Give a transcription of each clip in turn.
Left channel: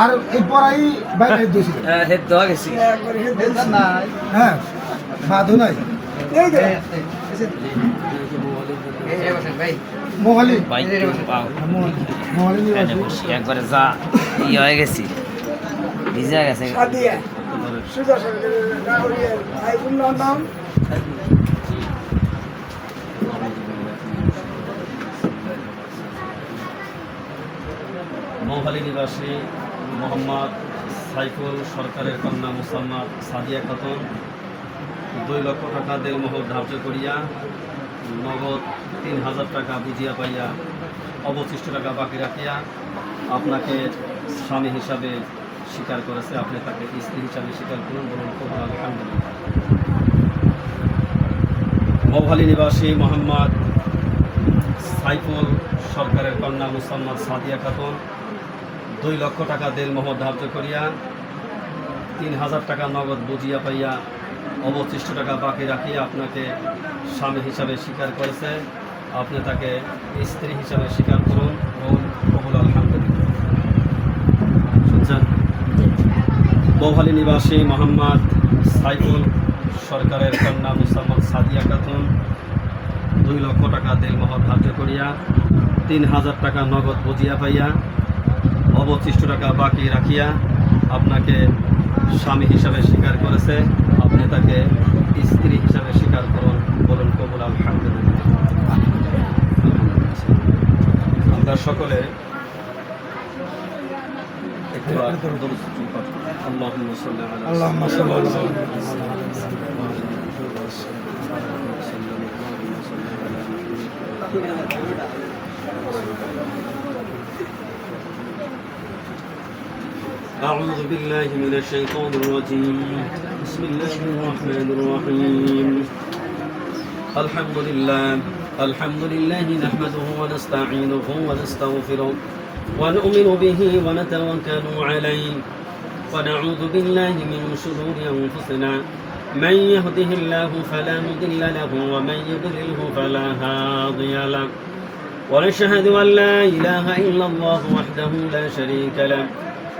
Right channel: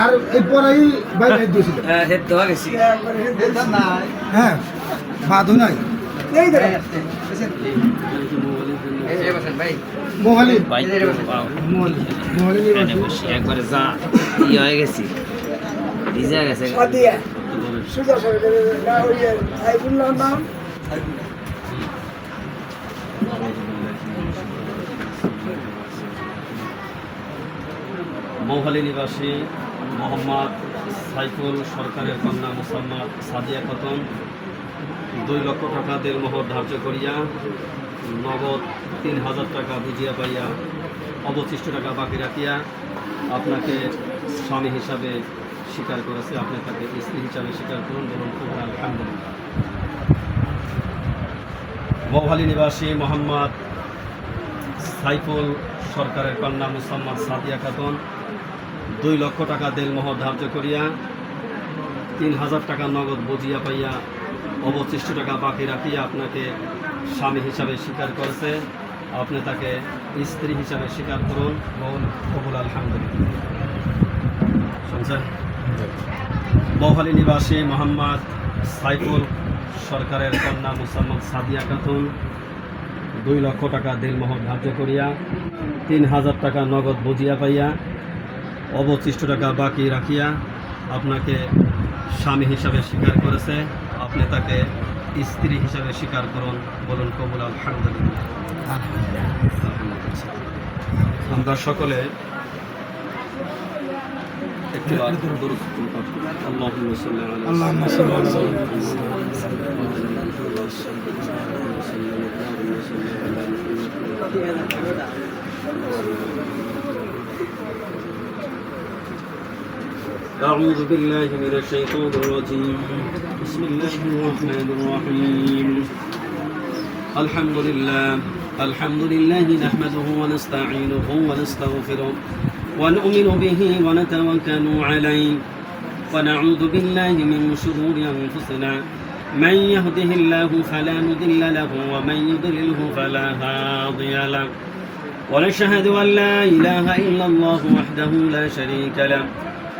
আর এই পরাই বাইরে দিয়েছিল হ্যাঁ হেড দেওয়া গেছি হ্যাঁ বাধু নাই মোহালি মোহালি নিবাসী একবারে যা হয়ে গেছি ভিজা গেছে মৌহালি নিবাসী মোহাম্মদ সাইফুল সরকারের কন্যা মুসাম্মদ সাদিয়া খাতুন 2 লক্ষ টাকা দেড়মোহর ধার্য করিয়া নগদ 3000 টাকা বুঝিয়া পাইয়া অবশিষ্ট টাকা বাকি রাখিয়া আপনাকে স্বামী হিসাবে স্বীকার করেছে, আপনি তাকে স্ত্রী হিসাবে স্বীকার করুন, বলুন আলহামদুলিল্লাহ। মৌহালি নিবাসী মোহাম্মদ সাইফুল সরকারের কন্যা মুসাম্মদ সাদিয়া খাতুন 2 লক্ষ টাকা দেড়মোহর ধার্য করিয়া 3000 টাকা নগদ বুঝিয়া পাইয়া অবশিষ্ট টাকা বাকি রাখিয়া আপনাকে স্বামী হিসাবে স্বীকার করেছে, আপনি তাকে স্ত্রী হিসাবে স্বীকার করুন, কবুল আলহামদুলিল্লাহ। শুনছেন? মৌহালি নিবাসী মোহাম্মদ সাইফুল সরকারের কন্যা মুসাম্মদ সাদিয়া খাতুন 2 লক্ষ টাকা দেড়মোহর ধার্য করিয়া 3000 টাকা নগদ বুঝিয়া পাইয়া অবশিষ্ট টাকা বাকি রাখিয়া আপনাকে স্বামী হিসাবে স্বীকার করেছে, আপনি তাকে স্ত্রী হিসাবে স্বীকার করুন, বলুন কবুল আলহামদুলিল্লাহ। আমরা সকলে একটু দরুদ পাঠ করি। আল্লাহুম্মা সাল্লি আলা আল্লাহুম্মা সাল্লি আলা أعوذ بالله من الشيطان الرجيم. بسم الله الرحمن الرحيم. الحمد لله نحمده ونستعينه ونستغفره ونؤمن به ونتوكل عليه ونعوذ بالله من شرور أنفسنا من يهده الله فلا مضل له ومن يضلله فلا هادي له ونشهد أن لا إله إلا الله وحده لا شريك له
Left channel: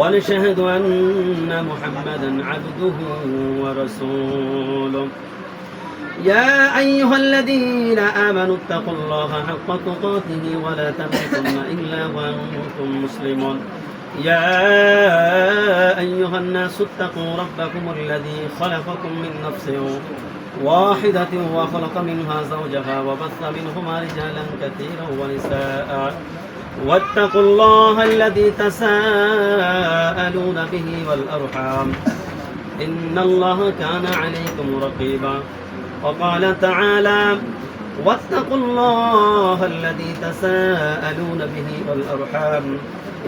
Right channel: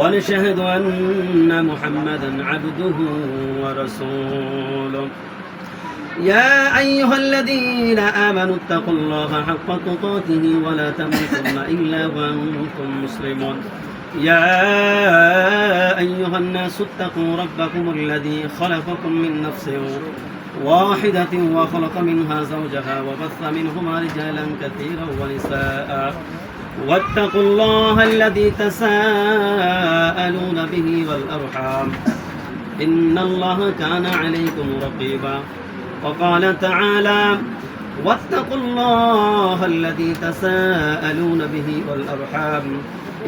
ونشهد أن محمدا عبده ورسوله. يا أيها الذين آمنوا اتقوا الله حق تقاته ولا تموتن إلا وأنتم مسلمون. يا أيها الناس اتقوا ربكم الذي خلقكم من نفس واحدة وخلق منها زوجها وبث منهما رجالا كثيرا ونساء واتقوا الله الذي تساءلون به والأرحام إن الله كان عليكم رقيبا. وقال تعالى واتقوا الله الذي تساءلون به والأرحام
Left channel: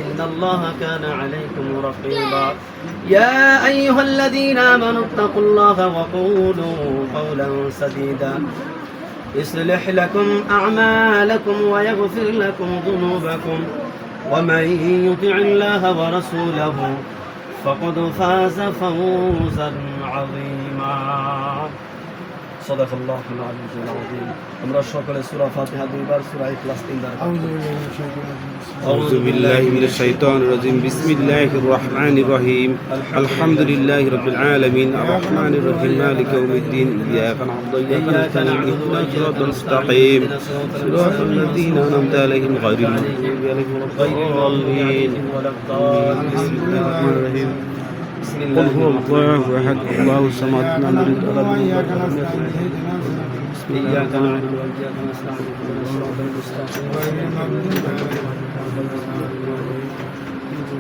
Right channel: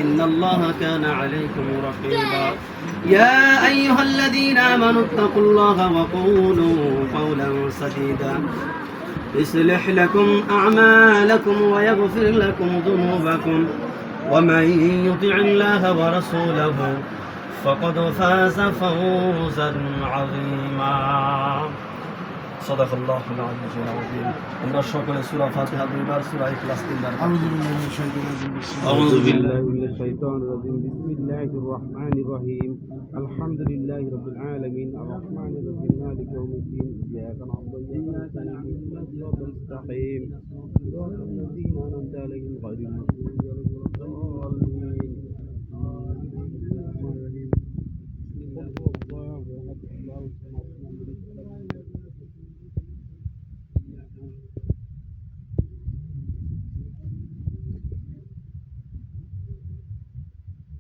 إن الله كان عليكم رقيبا. يا أيها الذين آمنوا اتقوا الله وقولوا قولا سديدا يصلح لكم أعمالكم ويغفر لكم ذنوبكم ومن يطع الله ورسوله فقد فاز فوزا عظيما. صدق الله العلي العظيم. আমরা সকলে সূরা ফাতিহা 2 বার, সূরা ইখলাস 3 বার। أعوذ بالله من الشيطان الرجيم. بسم الله الرحمن الرحيم. الحمد لله رب العالمين الرحمن الرحيم مالك يوم الدين إياك نعبد وإياك نستعين اهدنا الصراط المستقيم صراط الذين أنعمت عليهم غير المغضوب عليهم ولا الضالين. بسم الله الرحمن الرحيم. قل هو الله أحد الله الصمد لم يلد ولم يولد ولم يكن له كفوا أحد. إياك نعبد وإياك نستعين اهدنا الصراط المستقيم.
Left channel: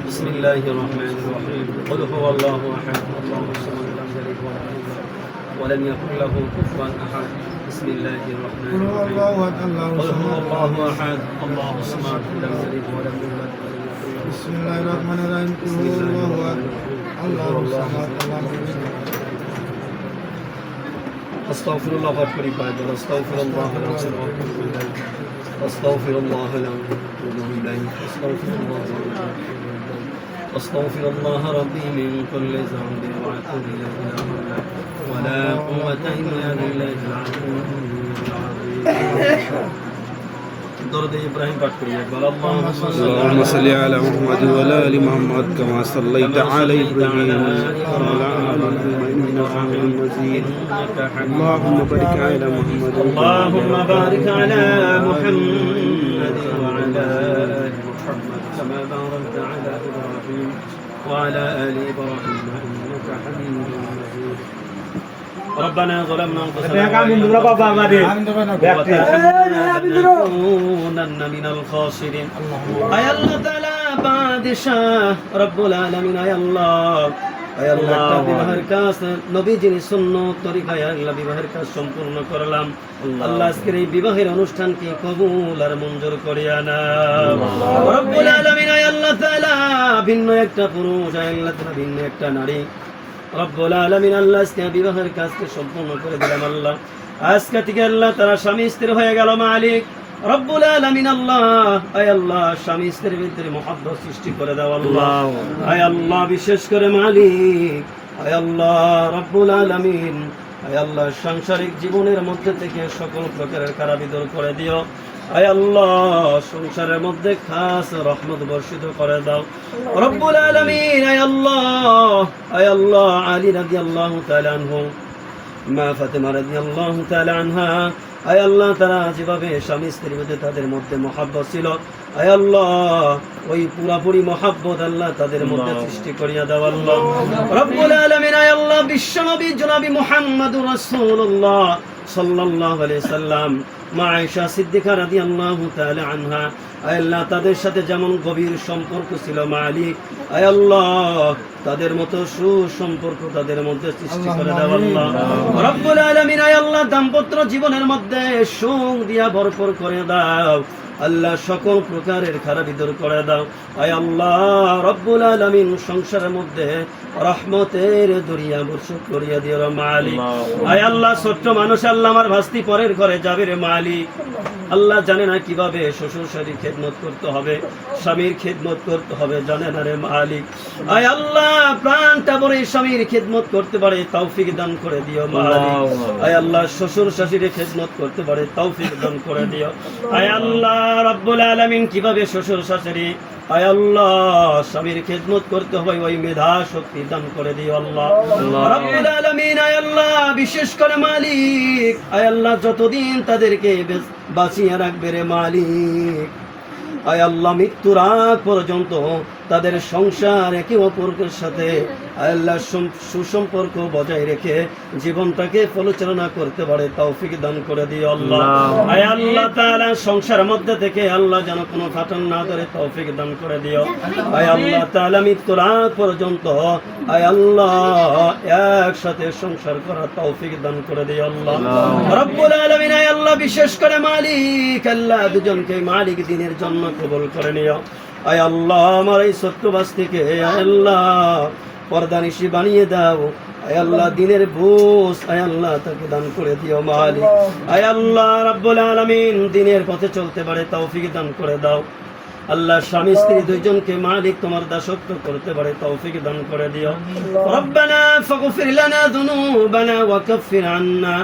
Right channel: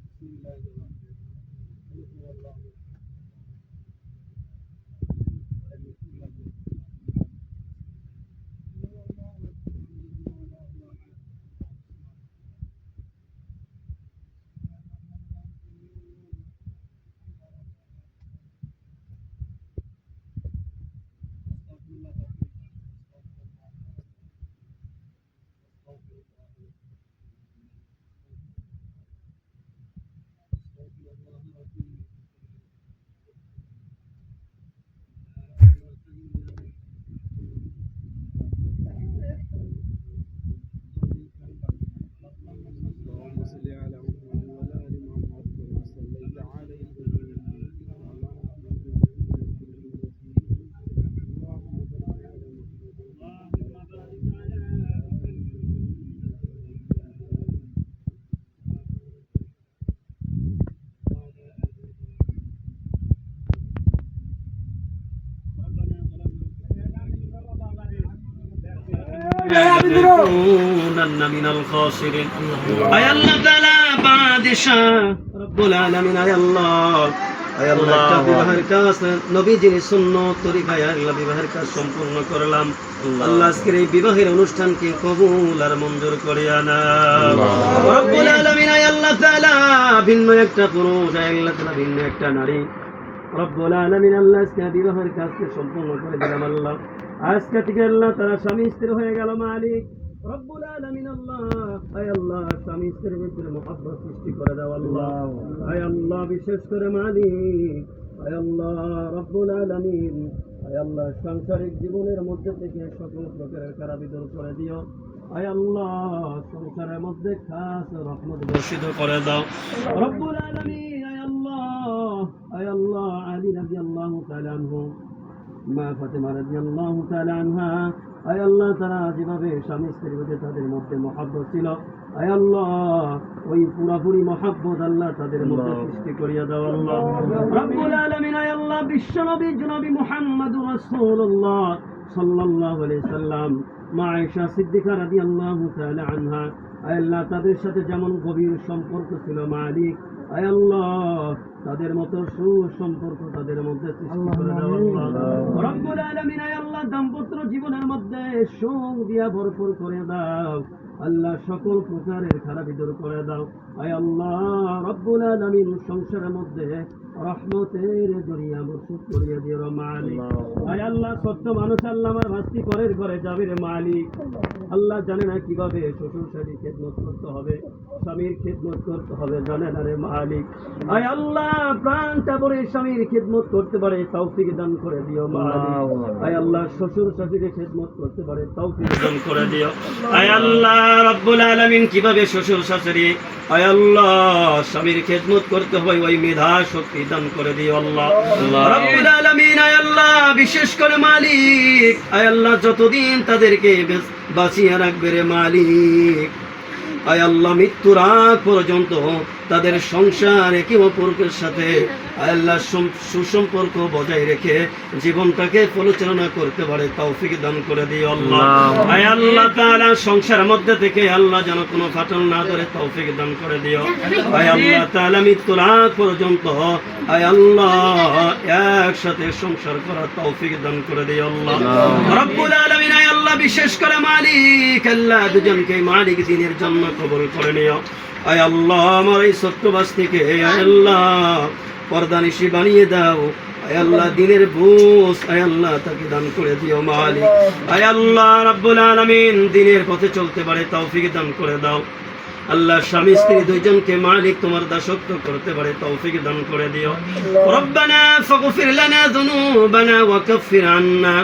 بسم الله الرحمن الرحيم. قل هو الله أحد الله الصمد لم يلد ولم يولد ولم يكن له كفوا أحد. بسم الله الرحمن الرحيم. قل هو الله أحد الله الصمد لم يلد ولم يولد. بسم الله الرحمن الرحيم. قل هو الله أحد الله الصمد لم يلد. أستغفر الله وأتوب إليه. أستغفر الله العظيم وأتوب إليه. أستغفر الله العظيم وأتوب إليه. أستغفر الله العظيم. أستغفر الله ربي من كل ذنب وأتوب إليه ولا قوة إلا بالله العلي العظيم. দরুদ ইব্রাহিম পাঠ করি একবার اللهم صل على محمد وعلى ال محمد كما صليت على ابراهيم وعلى ال ابراهيم انك حميد مجيد اللهم بارك على محمد اللهم بارك على محمد وعلى ال محمد كما باركت على ابراهيم وعلى ال ابراهيم انك حميد مجيد ربنا ظلمنا انفسنا من الخاسرين اي الله تعالى بادشاহ রব্বুল আলামিন আয় আল্লাহ আয় আল্লাহ বিবাহের কাজ নবীজির সুন্নাত তরিকায় আল্লাহ বিবাহের কাজ সম্পূর্ণ করলাম আল্লাহ আজকের এই বিবাহের অনুষ্ঠানকে কবুল আর মঞ্জুর করিয়া নাও রব্বুল আলামিন আয় আল্লাহ তাআলা ভিন্ন একটা পুরুষ আয় আল্লাহ তাআলা ভিন্ন একটা নারী রব্বুল আলামিন আল্লাহ আজকে বিবাহের কাজকে সম্পূর্ণ করে দিলাম আল্লাহ আজকে থেকে আল্লাহ তারা স্বামী স্ত্রী হয়ে গেল মালিক রব্বুল আলামিন আল্লাহ আয় আল্লাহ স্বামী স্ত্রীর ভিতরে মহব্বত সৃষ্টি করে দাও আল্লাহ আয় আল্লাহ বিশেষ করে মালিক আয় আল্লাহ রব্বুল আলামিন আয় আল্লাহ সাংসারিক জীবনের মধ্যে থেকে সকল প্রকারের খারাপি দূর করে দিও আয় আল্লাহ সংসারের মধ্যে খাস রহমত বর্ষিত করে দাও রব্বুল আলামিন আয় আল্লাহ আলী রাদিয়াল্লাহু তাআলা আনহু মা ফাতেমা রাদিয়াল্লাহু তাআলা আনহা আয় আল্লাহ তারা যেভাবে স্বামী স্ত্রীর মধ্যে তাদের মধ্যে মহব্বত ছিল আয় আল্লাহ ওই পুরাপুরি মহব্বত আল্লাহ তাদের মধ্যে সৃষ্টি করিয়া দাও আল্লাহ রব্বুল আলামিন আয় আল্লাহ বিশ্বনবী জনাবি মুহাম্মদুর রাসূলুল্লাহ সাল্লাল্লাহু আলাইহি সাল্লাম মা আয়েশা সিদ্দিকা রাদিয়াল্লাহু তাআলা আনহা আয় আল্লাহ তাদের সাথে যেমন গভীর সম্পর্ক ছিল মালিক আয় আল্লাহ তাদের মতো সুসম্পর্ক তাদের মধ্যে সৃষ্টি করে দাও আল্লাহ রব্বুল আলামিন আয় আল্লাহ দাম্পত্য জীবনের মধ্যে সুখ দিয়া ভরপুর করে দাও আল্লাহ সকল প্রকারের খারাপি দূর করে দাও আয় আল্লাহ রব্বুল আলামিন সংসারের মধ্যে রহমতের দরিয়া বর্ষণ করিয়া দিও রে মালিক আয় আল্লাহ ছোট্ট মানুষ আল্লাহ আমার ভাস্তি পরের ঘরে যাবে রে মালিক আল্লাহ জানে না কিভাবে শ্বশুর শাশুড়ির খেদমত করতে হবে স্বামীর খেদমত করতে হবে জানে না রে মালিক আয় আল্লাহ প্রাণটা ভরে স্বামীর খেদমত করতে পারে তৌফিক দান করে দিও মালিক আয় আল্লাহ শ্বশুর শাশুড়ির খেদমত করতে পারে তৌফিক দান করে দিও আয় আল্লাহ রব্বুল আলামিন কিভাবে শ্বশুর শাশুড়ি আয় আল্লাহ স্বামীর খেদমত করতে হয় ওই মেধা শক্তি দান করে দিও আল্লাহ রব্বুল আলামিন আয় আল্লাহ বিশেষ করে মালিক আয় আল্লাহ যতদিন তাদেরকে বাঁচিয়ে রাখবে রে মালিক আয় আল্লাহ মৃত্যুর আগ পর্যন্ত তাদের সংসার একে অপরের সাথে আয় আল্লাহ সুসম্পর্ক বজায় রেখে জীবনটাকে পরিচালনা করতে পারে তৌফিক দান করে দিও আল্লাহ আয় আল্লাহ তাআলা সংসারের মধ্যে থেকে আল্লাহ যেন কোনো ফাটল না ধরে তৌফিক দান করে দিও আয় আল্লাহ তাআলা মৃত্যুর আগ পর্যন্ত আয় আল্লাহ একসাথে সংসার করার তৌফিক দান করে দিও আল্লাহ রব্বুল আলামিন আয় আল্লাহ বিশেষ করে মালিক আল্লাহ দুজনকে মালিক দিনের জন্য কবুল করে নিও আয় আল্লাহ আমার এই ছোট্ট বাস্তিকে আয় আল্লাহ পর্দানিশী বানিয়ে দাও আয় আল্লাহ দিনের বুঝ আয় আল্লাহ তাকে দান করে দিও মালিক আয় আল্লাহ রাব্বুল আলামিন দিনের পথে চলতে পারে তৌফিক দান করে দাও আল্লাহ স্বামী স্ত্রী দুইজনকে মালিক তোমার দাসত্ব করতে পারে তৌফিক দান করে দিও রব্বানা ফাগফির লানা যুনুবানা ওয়া কাফির আন্না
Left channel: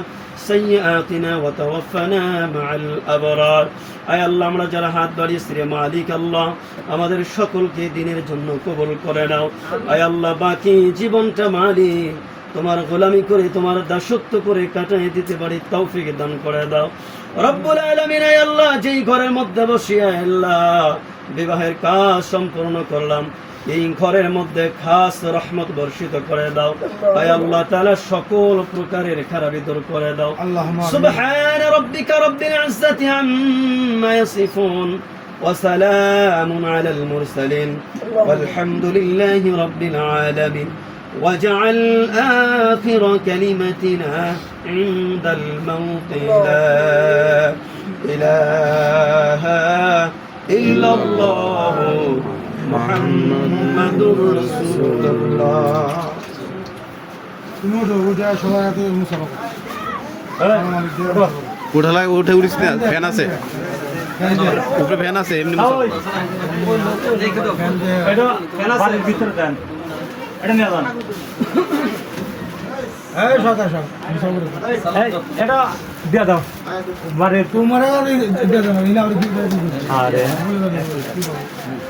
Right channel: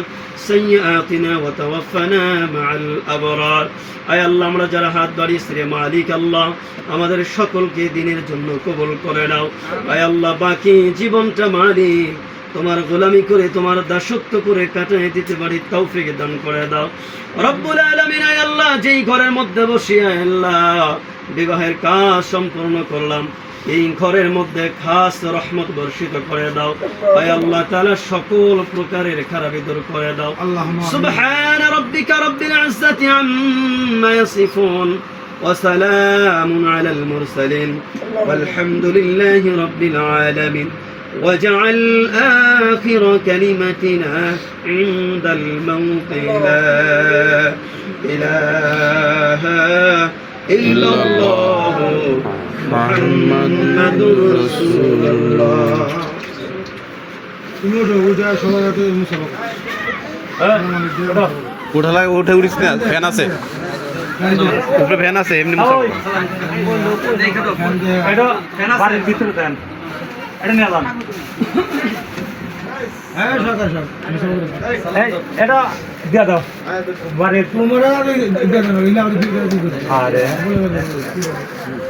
সাইয়্যাতিনা ওয়া তাওয়াফানা মাআল আবরার আয় আল্লাহ আমরা যারা হাত বাড়িয়েছি রে মালিক আল্লাহ আমাদের সকলকে দিনের জন্য কবুল করে নাও আয় আল্লাহ বাকি জীবনটা মালিক তোমার গোলামি করে তোমার দাসত্ব করে কাটিয়ে দিতে পারি তৌফিক দান করে দাও রব্বুল আলামিন আয় আল্লাহ যেই ঘরের মধ্যে বসে আয় আল্লাহ বিবাহের কাজ সম্পূর্ণ করলাম এই ঘরের মধ্যে খাস রহমত বর্ষিত করে দাও আয় আল্লাহ তাআলা সকল প্রকারের খারাপি দূর করে দাও সুবহান রাব্বিকা রাব্বিল ইজ্জাতি আম্মা ইয়াসিফুন ওয়া সালামুন আলাল মুরসালিন ওয়ালহামদুলিল্লাহি রাব্বিল আলামিন واجعل آخر كلمتنا عند الموت لا إله إلا الله محمد رسول الله উঠে উঠিস না ফ্যান আছে উপরে ফ্যান আছে এমনি ভিতরে দেন এটা নিয়ে যান এটা দিয়া দাও বারে তোমার আর এটা জানো ইনা আর কি করে দিবে আরে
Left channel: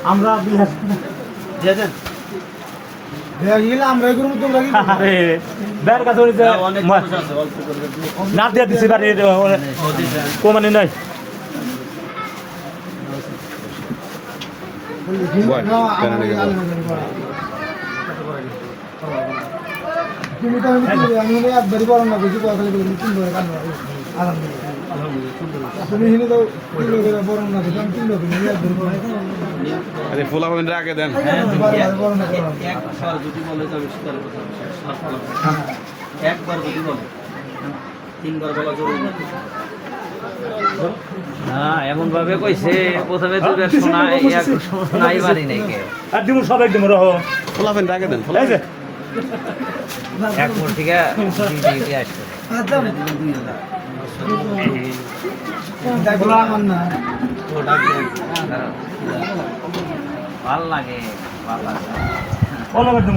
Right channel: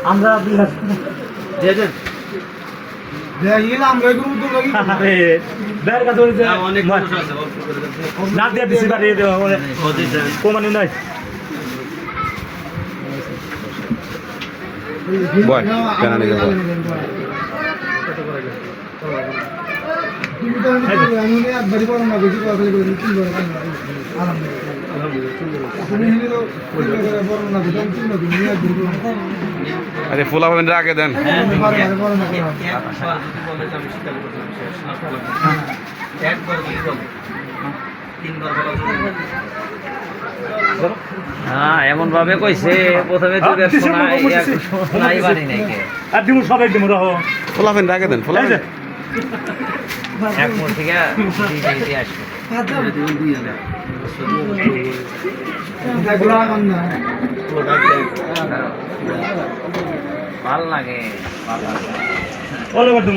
আমরা বিলাস দেখিলে আমরা এগুলো তো লাগি আরে বের কাছে হইছে অনেক মানুষ আছে অল্প করে দেন। না দিয়া দিছি বারে কমানে নাই বয়, কেন নিয়ে যাবো? তুমি তো আমি একবারই বলেন না বেশি কথা বলে তিন ধরে কাজ তুমি হিনে তো বড় না তো তিন ধরে তুমি একবার আরে ফুলা পাবেন রাখে দেন বড় না একবার যদি বলে যে আমি স্বীকার করতে একবার যদি বলে তিনবার বলা জরুরি। হ্যাঁ এমন ভাবে কইছে প্রথমে তোদের শোনাই পারি নাই কে আর দিমু সবাই দিমু রহ ফুলা পাবেন রাখে দেন ফুলা এই যে এক মোট থেকে দিতে আসবে ভাল লাগে ভাল লাগে ওলা দিমু